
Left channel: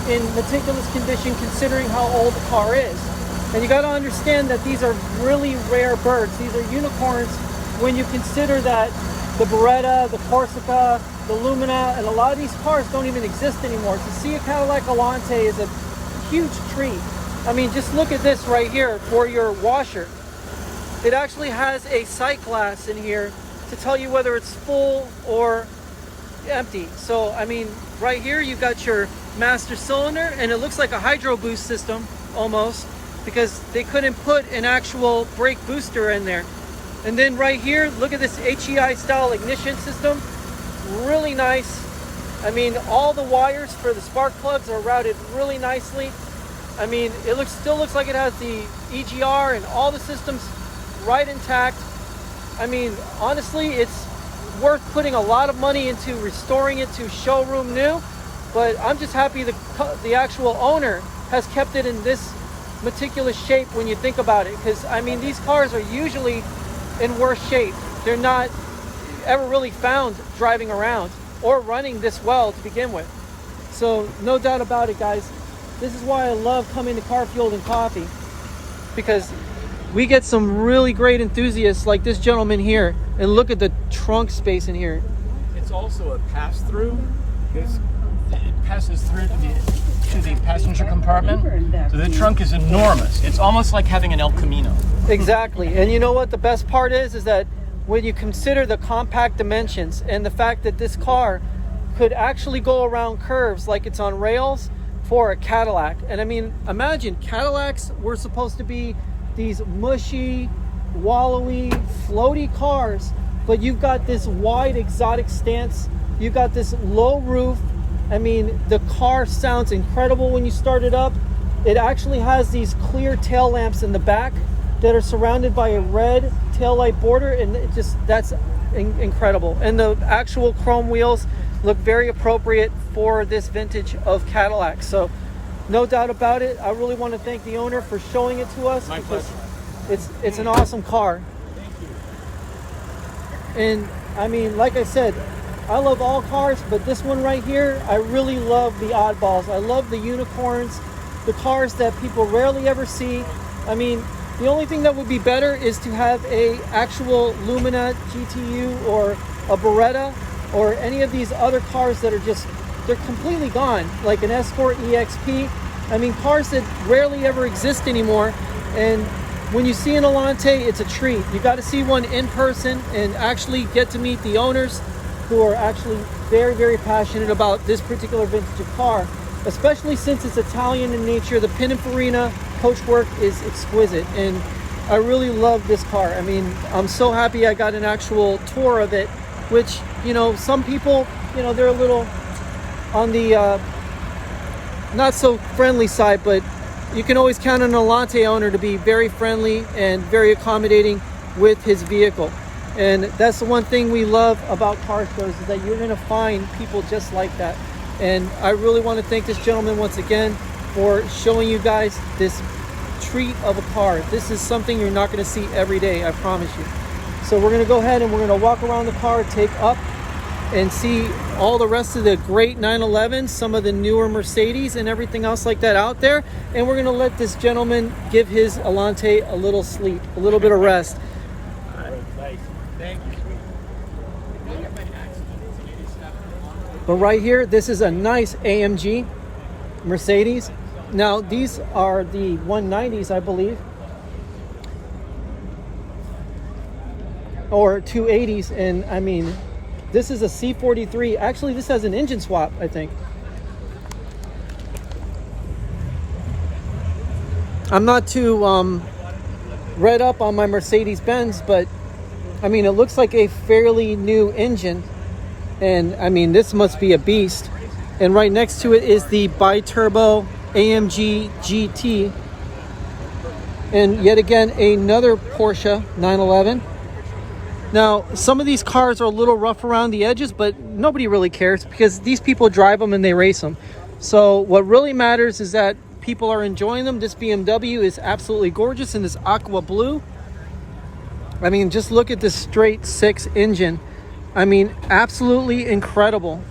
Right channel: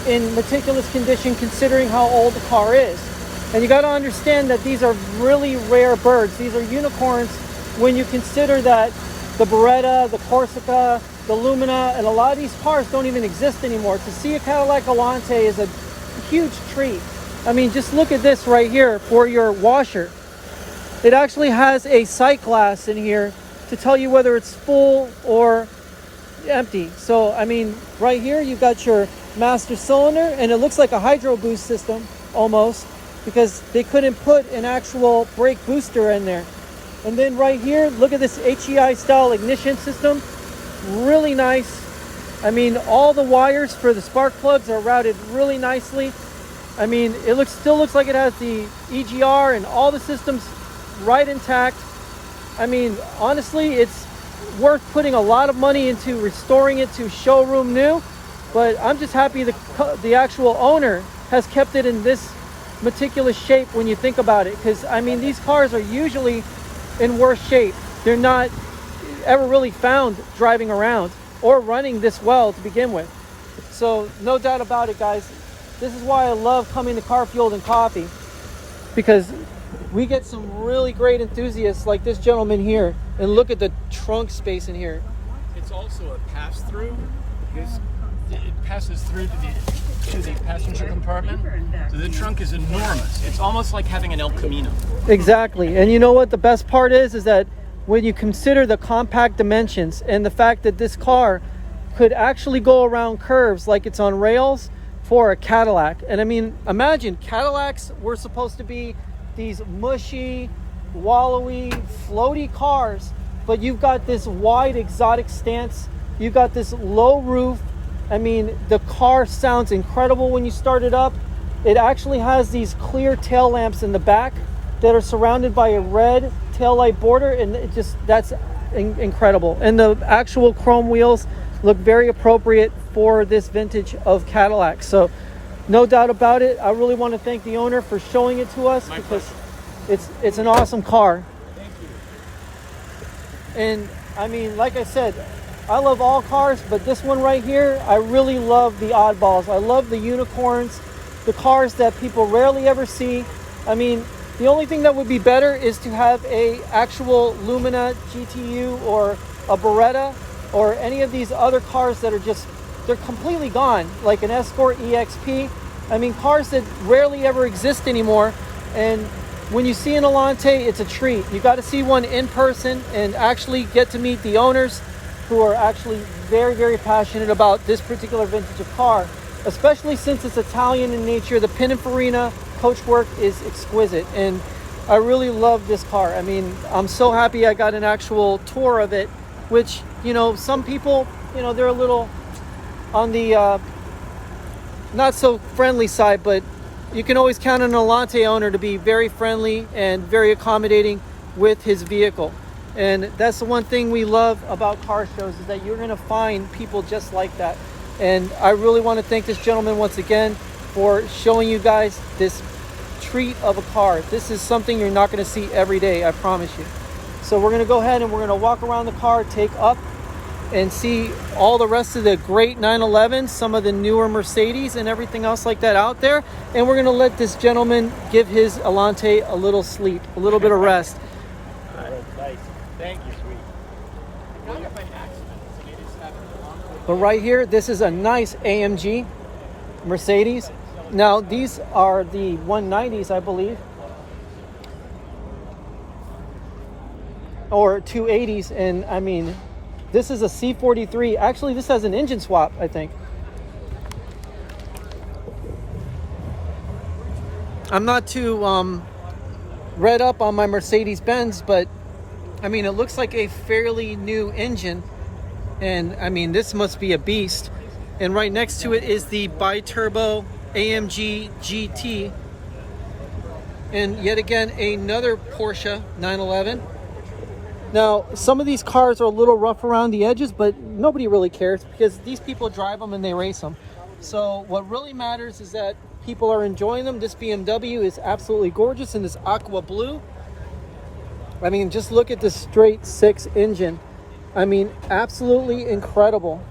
in meticulous condition considering how old the car is. And you got to understand that these are really rare birds. These are unicorns when you consider that the Beretta, the Corsica, the Lumina, and a lot of these cars don't even exist anymore. To see a Cadillac Alante is a huge treat. I mean, just look at this right here for your washer. It actually has a sight glass in here to tell you whether it's full or empty. So, I mean, right here you've got your master cylinder, and it looks like a hydro boost system almost, because they couldn't put an actual brake booster in there. And then right here, look at this HEI style ignition system. Really nice. I mean, all the wires for the spark plugs are routed really nicely. I mean, it still looks like it has the EGR and all the systems right intact. I mean, honestly, it's worth putting a lot of money into restoring it to showroom new, but I'm just happy the actual owner has kept it in this meticulous shape when you think about it, because I mean, these cars are usually in worse shape. They're not ever really found driving around or running this well to begin with. So no doubt about it, guys, this is why I love coming to Carfueled and Coffee, because we get some really great enthusiasts like this gentleman here. And look at the trunk space in here. It's also a pass-through. It passes through to the to the passenger compartment. So the trunk is enormous. It's almost like having an El Camino. Exactly. And you know what the best part is that when you consider the compact dimensions and the fact that this car could actually go around curves like it's on rails for a Cadillac. And I mean, imagine Cadillacs were supposed to be these mushy, wallowy, floaty cars, but you've got this wide exotic stance. You've got this low roof. I mean, the car sounds incredible when you start it up. It actually has these clear tail lamps in the back that are surrounded by a red taillight border, and it just, that's incredible. And the actual chrome wheels look very appropriate for this vintage of Cadillac. So no doubt about it, I really want to thank the owner for showing it to us. My because pleasure. it's an awesome car. And I mean, like I said, I love all cars, but this one right here, I really love the oddballs. I love the unicorns, the cars that people rarely ever see. I mean, the only thing that would be better is to have a actual Lumina GTU or a Beretta or any of these other cars that are just, they're completely gone, like an Escort EXP. I mean, cars that rarely ever exist anymore. And when you see an Alante, it's a treat. You got to see one in person and actually get to meet the owners, who are actually very, very passionate about this particular vintage of car, especially since it's Italian in nature. The Pininfarina coachwork is exquisite, and I really love this car. I mean, I'm so happy I got an actual tour of it, which, you know, some people, you know, they're a little on the not so friendly side, but you can always count on an Alante owner to be very friendly and very accommodating with his vehicle. And that's the one thing we love about car shows, is that you're going to find people just like that. And I really want to thank this gentleman once again for showing you guys this treat of a car. This is something you're not going to see every day, I promise you. So we're going to go ahead and we're going to walk around the car, take up and see all the rest of the great 911s, some of the newer Mercedes and everything else like that out there. And we're going to let this gentleman give his Alante a little sleep, a little bit of rest. Thank you. But right here, this is a nice AMG Mercedes. Now, these are the 190s, I believe. Or 280s. And I mean, this is a C43. Actually, this has an engine swap, I think. I'm not too read up on my Mercedes-Benz, but I mean, it looks like a fairly new engine. And I mean, this must be a beast. And right next to it is the bi-turbo AMG GT. And yet again, another Porsche 911. Now, some of these cars are a little rough around the edges, but nobody really cares because these people drive them and they race them. So what really matters is that people are enjoying them. This BMW is absolutely gorgeous in this aqua blue. I mean, just look at this straight six engine. I mean, absolutely incredible.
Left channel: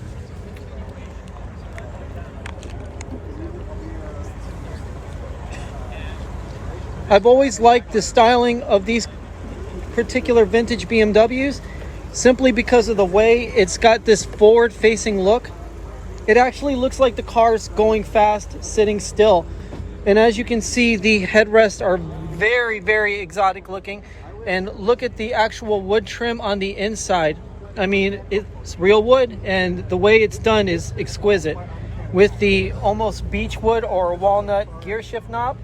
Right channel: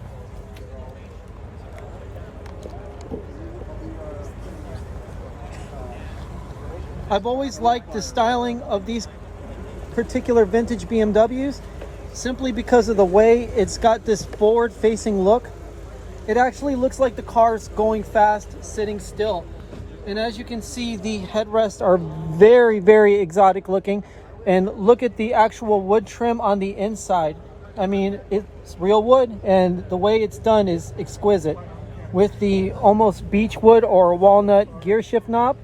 I've always liked the styling of these particular vintage BMWs simply because of the way it's got this forward-facing look. It actually looks like the car's going fast, sitting still. And as you can see, the headrests are very, very exotic looking. And look at the actual wood trim on the inside. I mean, it's real wood, and the way it's done is exquisite. With the almost beech wood or walnut gear shift knob.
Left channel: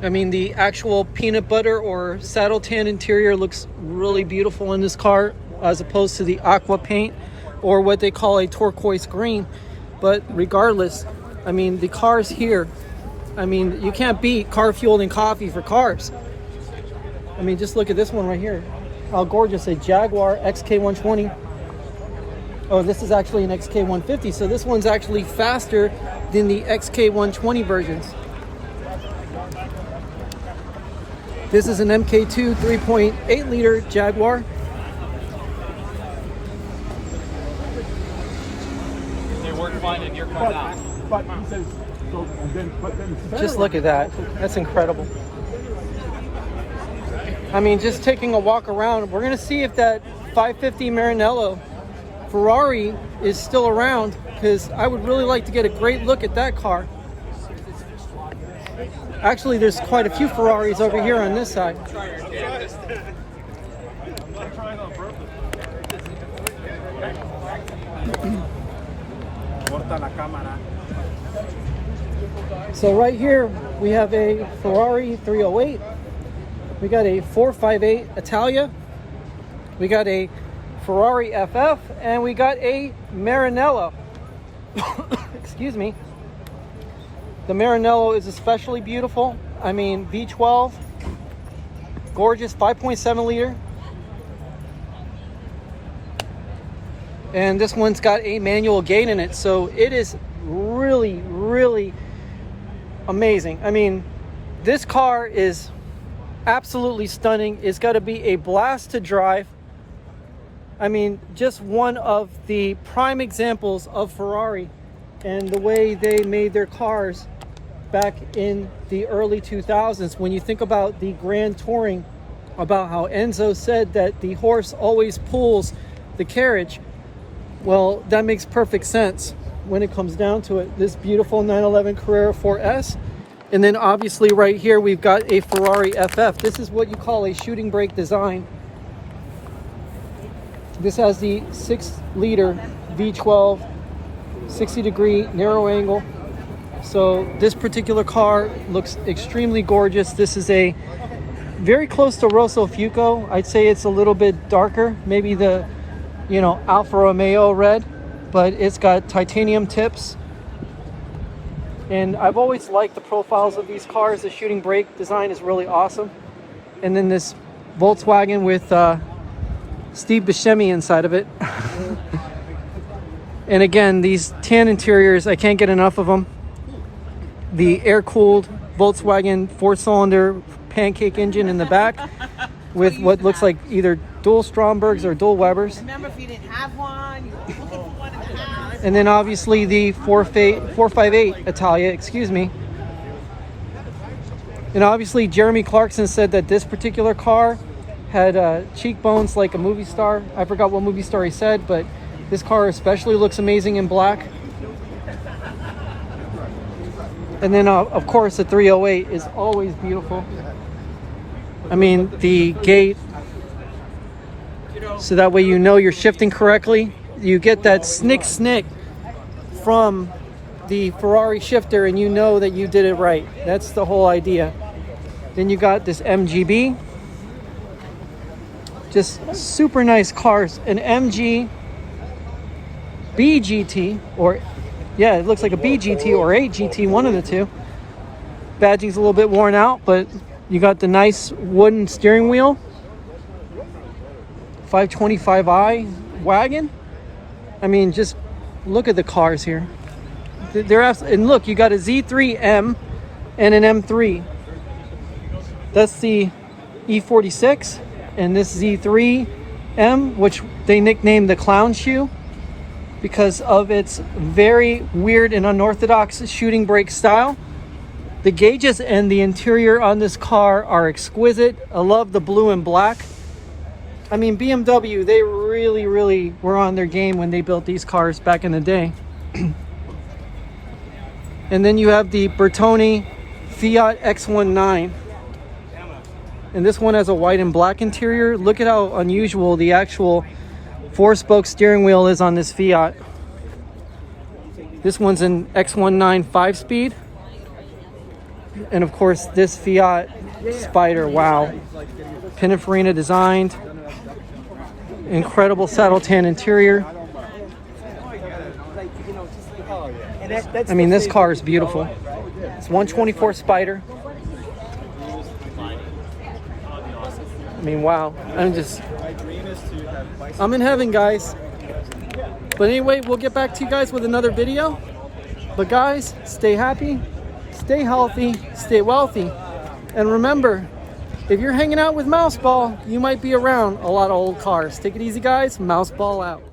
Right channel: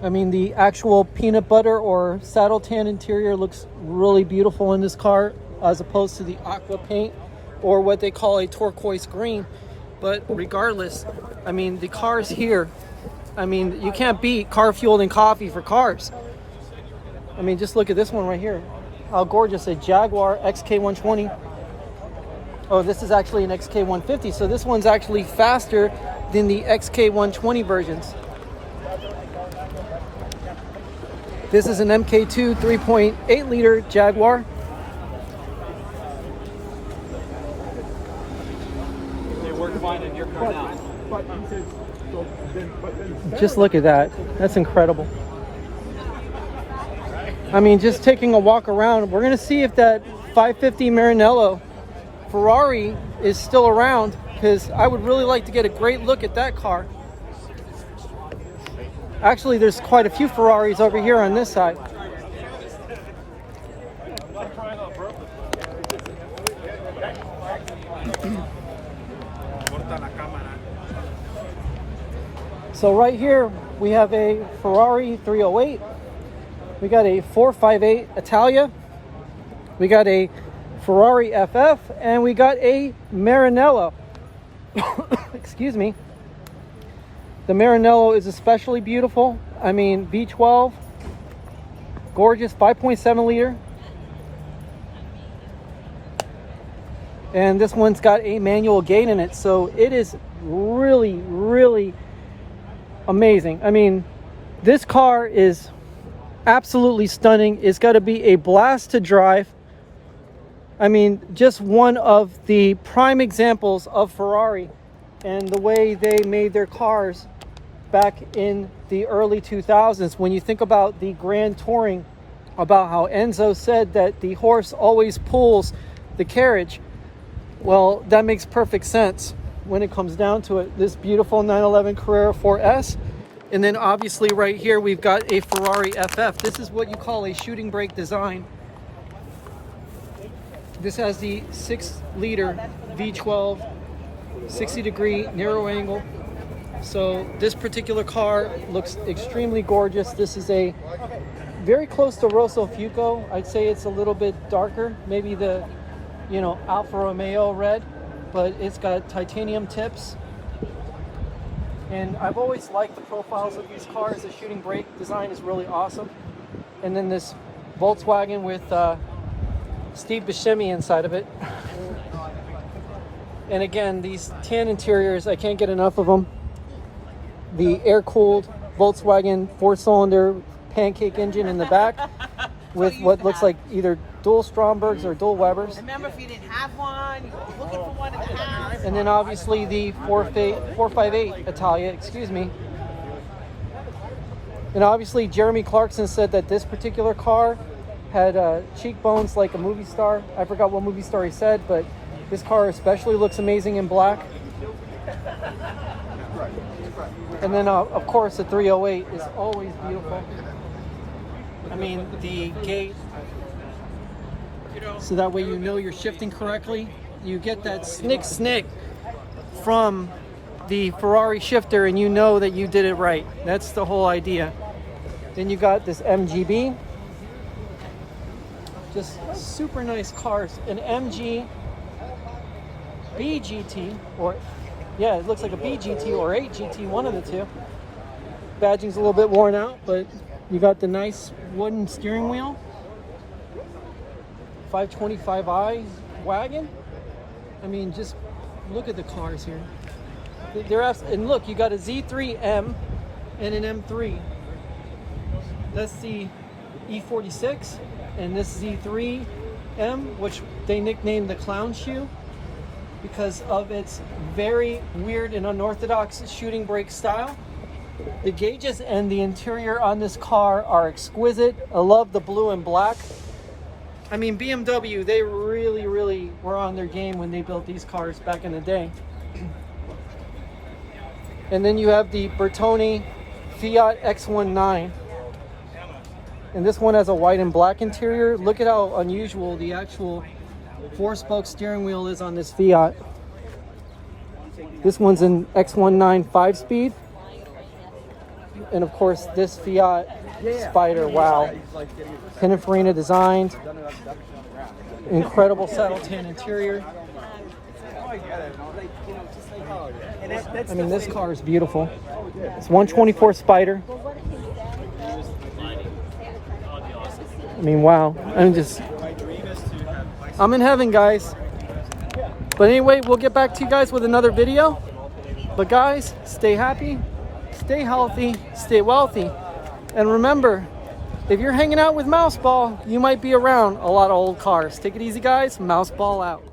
I mean, the actual peanut butter or saddle tan interior looks really beautiful in this car, as opposed to the aqua paint or what they call a turquoise green. But regardless, I mean, the cars here, I mean, you can't beat Carfueled and coffee for cars. I mean, just look at this one right here. How gorgeous, a Jaguar XK120. Oh, this is actually an XK150, so this one's actually faster than the XK120 versions. This is an MK2 3.8 liter Jaguar. They work fine in your car now. Just look at that. That's incredible. I mean, just taking a walk around, we're going to see if that 550 Maranello Ferrari is still around, because I would really like to get a great look at that car. Actually, there's quite a few Ferraris over here on this side. So right here we have a Ferrari 308. We got a 458 Italia. We got a Ferrari FF, and we got a Maranello. Excuse me. The Maranello is especially beautiful. I mean, V12, gorgeous, 5.7 liter. And this one's got a manual gate in it, so it is really, really amazing. I mean, this car is absolutely stunning. It's got to be a blast to drive. I mean, just one of the prime examples of Ferrari and the way they made their cars back in the early 2000s. When you think about the Grand Touring, about how Enzo said that the horse always pulls the carriage, well, that makes perfect sense when it comes down to it. This beautiful 911 Carrera 4S. And then obviously right here we've got a Ferrari FF. This is what you call a shooting brake design. This has the 6-liter V12, 60-degree narrow angle. So this particular car looks extremely gorgeous. This is a very close to Rosso Fuoco. I'd say it's a little bit darker, maybe the, you know, Alfa Romeo red, but it's got titanium tips. And I've always liked the profiles of these cars. The shooting brake design is really awesome. And then this Volkswagen with Steve Buscemi inside of it. And again, these tan interiors, I can't get enough of them. The air-cooled Volkswagen 4-cylinder pancake engine in the back with what looks like either dual Strombergs or dual Webers. Remember, if you didn't have one, you were looking for one in the house. And then obviously the 458 Italia, excuse me. And obviously Jeremy Clarkson said that this particular car had cheekbones like a movie star. I forgot what movie star he said, but this car especially looks amazing in black. And then of course the 308 is always beautiful. I mean, the gate, so that way you know you're shifting correctly. You get that snick from the Ferrari shifter and you know that you did it right. That's the whole idea. Then you got this MGB. Just super nice cars. An MG BGT, or yeah, it looks like a BGT or a GT, one of the two. Badging's a little bit worn out, but you got the nice wooden steering wheel. 525i wagon. I mean, just look at the cars here. And look, you got a Z3M and an M3. That's the E46, and this Z3M, which they nicknamed the clown shoe because of its very weird and unorthodox shooting brake style. The gauges and the interior on this car are exquisite. I love the blue and black. I mean, BMW, they really were on their game when they built these cars back in the day. And then you have the Bertone Fiat X19. And this one has a white and black interior. Look at how unusual the actual 4-spoke steering wheel is on this Fiat. This one's an X19 5-speed. And of course this Fiat Spider, wow. Pininfarina designed. Incredible saddle tan interior. I mean, this car is beautiful. It's 124 Spider. I mean, wow. I'm in heaven, guys. But anyway, we'll get back to you guys with another video. But guys, stay happy, stay healthy, stay wealthy. And remember, if you're hanging out with Mouseball, you might be around a lot of old cars. Take it easy, guys. Mouseball out.